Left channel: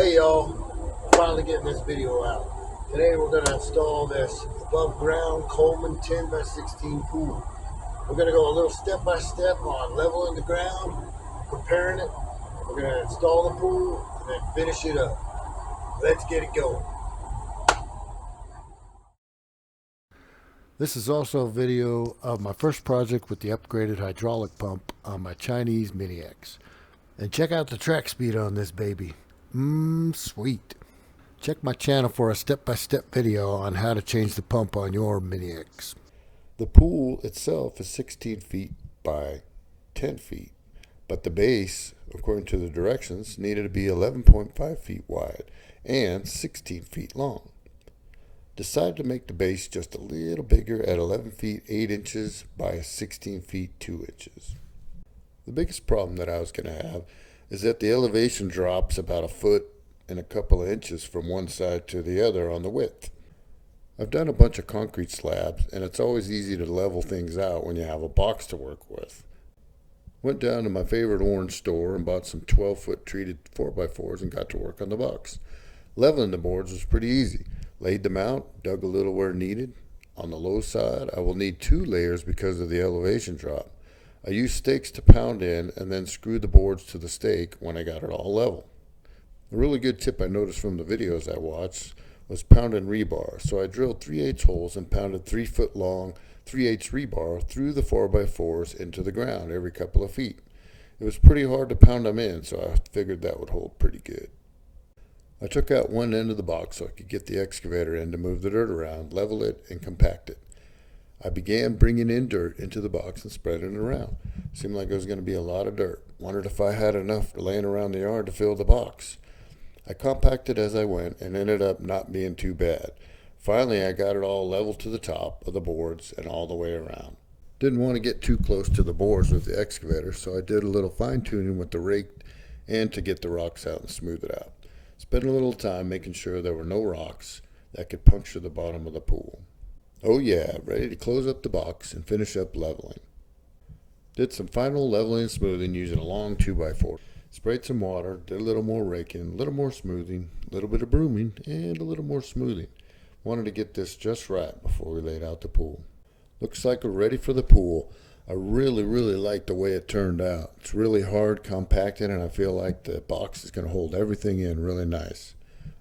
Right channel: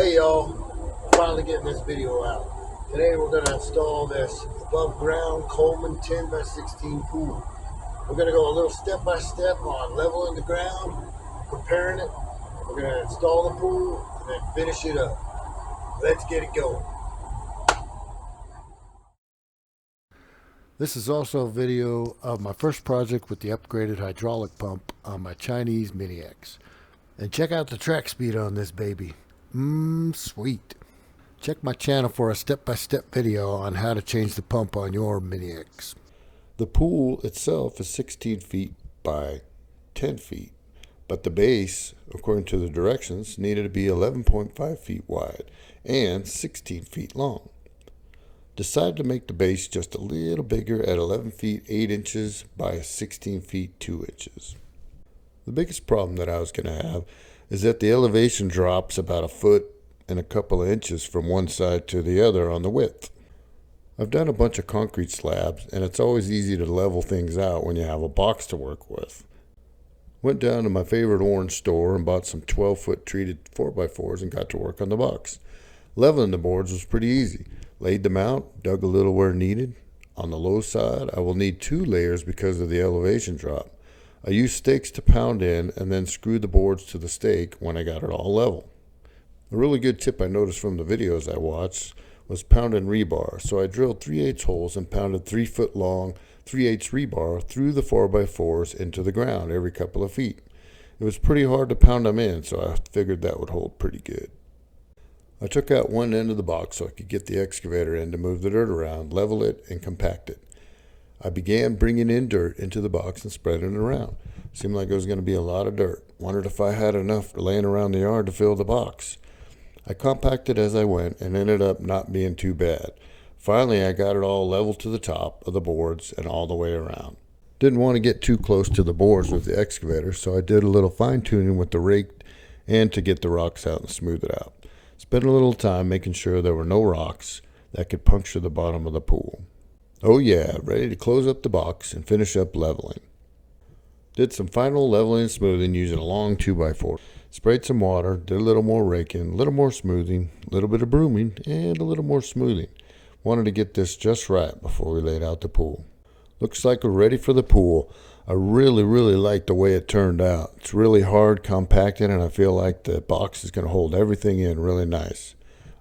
Hey y'all, finally getting this video out. Today we're going to install this above ground Coleman 10x16 pool. We're going to go a little step by step on leveling the ground, preparing it. We're going to install the pool and then finish it up. Let's get it going. This is also a video of my first project with the upgraded hydraulic pump on my Chinese Mini X. And check out the track speed on this baby. Sweet. Check my channel for a step-by-step video on how to change the pump on your Mini X. The pool itself is 16 feet by 10 feet, but the base, according to the directions, needed to be 11.5 feet wide and 16 feet long. Decided to make the base just a little bigger at 11 feet 8 inches by 16 feet 2 inches. The biggest problem that I was going to have is that the elevation drops about a foot and a couple of inches from one side to the other on the width. I've done a bunch of concrete slabs, and it's always easy to level things out when you have a box to work with. Went down to my favorite orange store and bought some 12-foot treated 4x4s and got to work on the box. Leveling the boards was pretty easy. Laid them out, dug a little where needed. On the low side, I will need 2 layers because of the elevation drop. I used stakes to pound in and then screwed the boards to the stake when I got it all level. A really good tip I noticed from the videos I watched was pounding rebar. So I drilled 3/8 holes and pounded 3-foot long 3/8 rebar through the 4x4s into the ground every couple of feet. It was pretty hard to pound them in, so I figured that would hold pretty good. I took out one end of the box so I could get the excavator in to move the dirt around, level it, and compact it. I began bringing in dirt into the box and spreading it around. Seemed like it was going to be a lot of dirt. Wondered if I had enough laying around the yard to fill the box. I compacted as I went and ended up not being too bad. Finally, I got it all level to the top of the boards and all the way around. Didn't want to get too close to the boards with the excavator, so I did a little fine tuning with the rake and to get the rocks out and smooth it out. Spent a little time making sure there were no rocks that could puncture the bottom of the pool. Oh yeah, ready to close up the box and finish up leveling. Did some final leveling and smoothing using a long 2x4. Sprayed some water, did a little more raking, a little more smoothing, a little bit of brooming, and a little more smoothing. Wanted to get this just right before we laid out the pool. Looks like we're ready for the pool. I really like the way it turned out. It's really hard compacted, and I feel like the box is going to hold everything in really nice.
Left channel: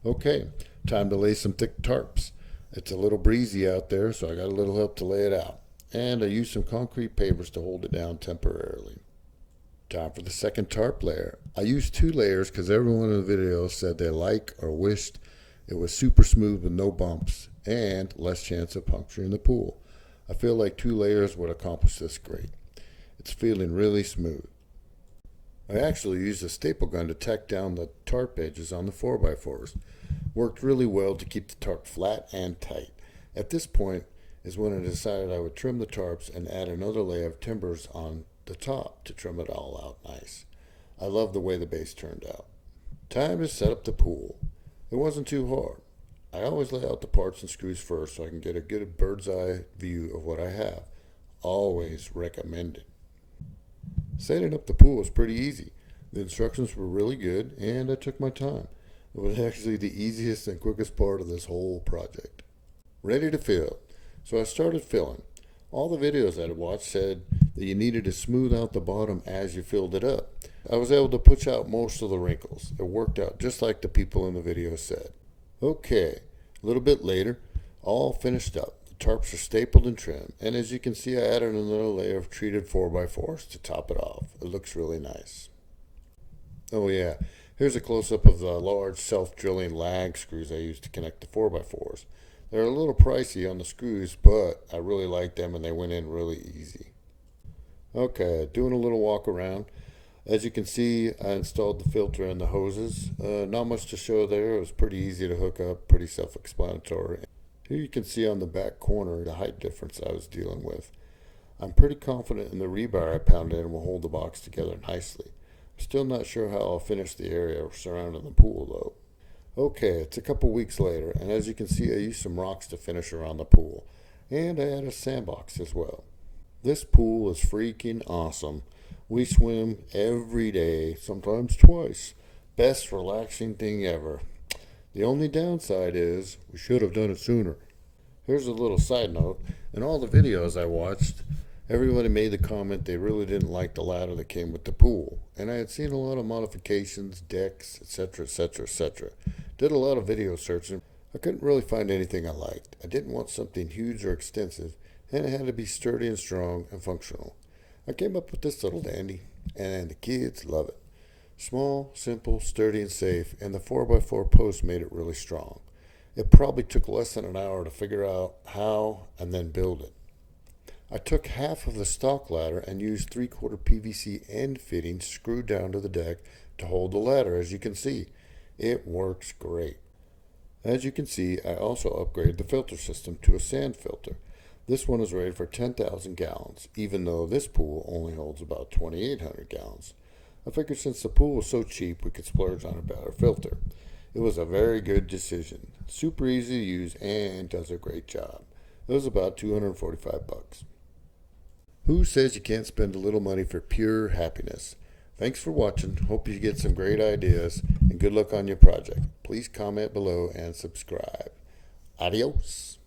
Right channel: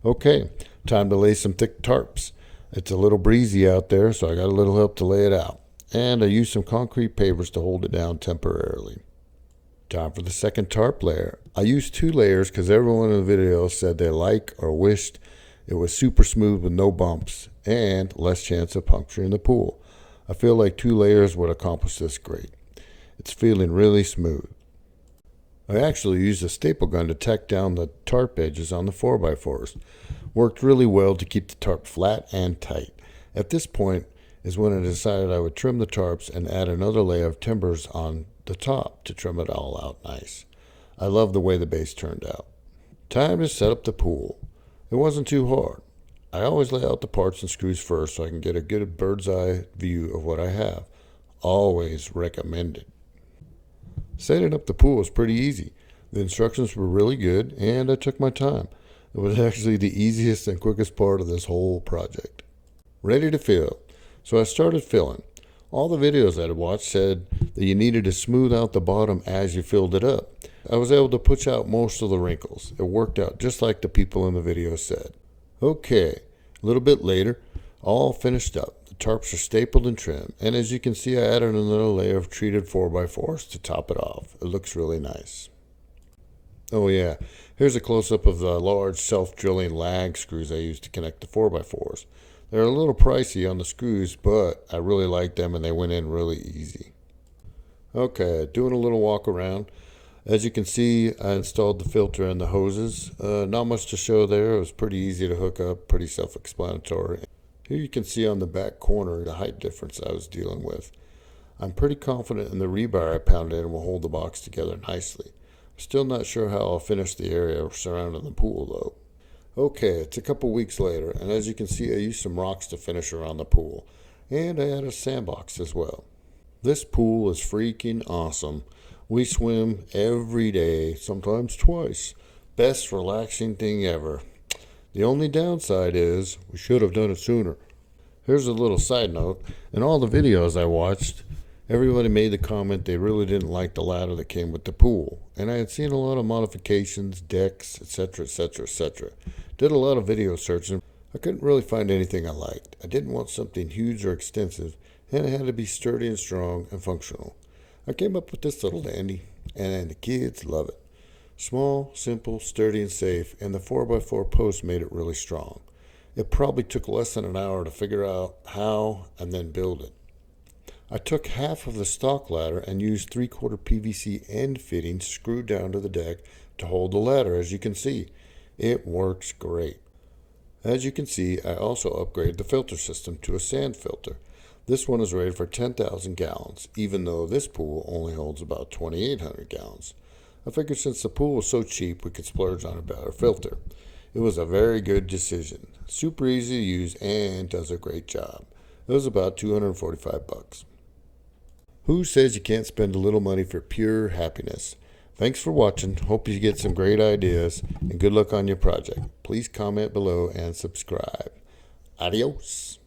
Okay, time to lay some thick tarps. It's a little breezy out there, so I got a little help to lay it out. And I used some concrete pavers to hold it down temporarily. Time for the second tarp layer. I used 2 layers because everyone in the video said they liked or wished it was super smooth with no bumps and less chance of puncturing the pool. I feel like 2 layers would accomplish this great. It's feeling really smooth. I actually used a staple gun to tack down the tarp edges on the 4x4s. Worked really well to keep the tarp flat and tight. At this point is when I decided I would trim the tarps and add another layer of timbers on the top to trim it all out nice. I love the way the base turned out. Time to set up the pool. It wasn't too hard. I always lay out the parts and screws first so I can get a good bird's eye view of what I have. Always recommended. Setting up the pool was pretty easy. The instructions were really good and I took my time. It was actually the easiest and quickest part of this whole project. Ready to fill. So I started filling. All the videos I had watched said that you needed to smooth out the bottom as you filled it up. I was able to push out most of the wrinkles. It worked out just like the people in the video said. Okay, a little bit later, all finished up. The tarps are stapled and trimmed, and as you can see, I added another layer of treated 4x4s to top it off. It looks really nice. Oh yeah, here's a close-up of the large self-drilling lag screws I used to connect the 4x4s. They're a little pricey on the screws, but I really like them and they went in really easy. Okay, doing a little walk around. As you can see, I installed the filter and the hoses. Not much to show there. It was pretty easy to hook up, pretty self-explanatory. Here you can see on the back corner the height difference I was dealing with. I'm pretty confident in the rebar I pounded in will hold the box together nicely. Still not sure how I'll finish the area surrounding the pool though. Okay, it's a couple weeks later, and as you can see, I used some rocks to finish around the pool. And I added a sandbox as well. This pool is freaking awesome. We swim every day, sometimes twice. best relaxing thing ever. The only downside is we should have done it sooner. Here's a little side note. In all the videos I watched, everybody made the comment they really didn't like the ladder that came with the pool. And I had seen a lot of modifications, decks, etc., etc., etc. Did a lot of video searching. I couldn't really find anything I liked. I didn't want something huge or extensive, and it had to be sturdy and strong and functional. I came up with this little dandy, and the kids love it. Small, simple, sturdy, and safe, and the 4x4 post made it really strong. It probably took less than an hour to figure out how and then build it. I took half of the stock ladder and used 3/4 PVC end fittings screwed down to the deck to hold the ladder, as you can see. It works great. As you can see, I also upgraded the filter system to a sand filter. This one is rated for 10,000 gallons, even though this pool only holds about 2,800 gallons. I figured since the pool was so cheap, we could splurge on a better filter. It was a very good decision. Super easy to use and does a great job. It was about $245. Who says you can't spend a little money for pure happiness? Thanks for watching. Hope you get some great ideas, and good luck on your project. Please comment below and subscribe. Adios.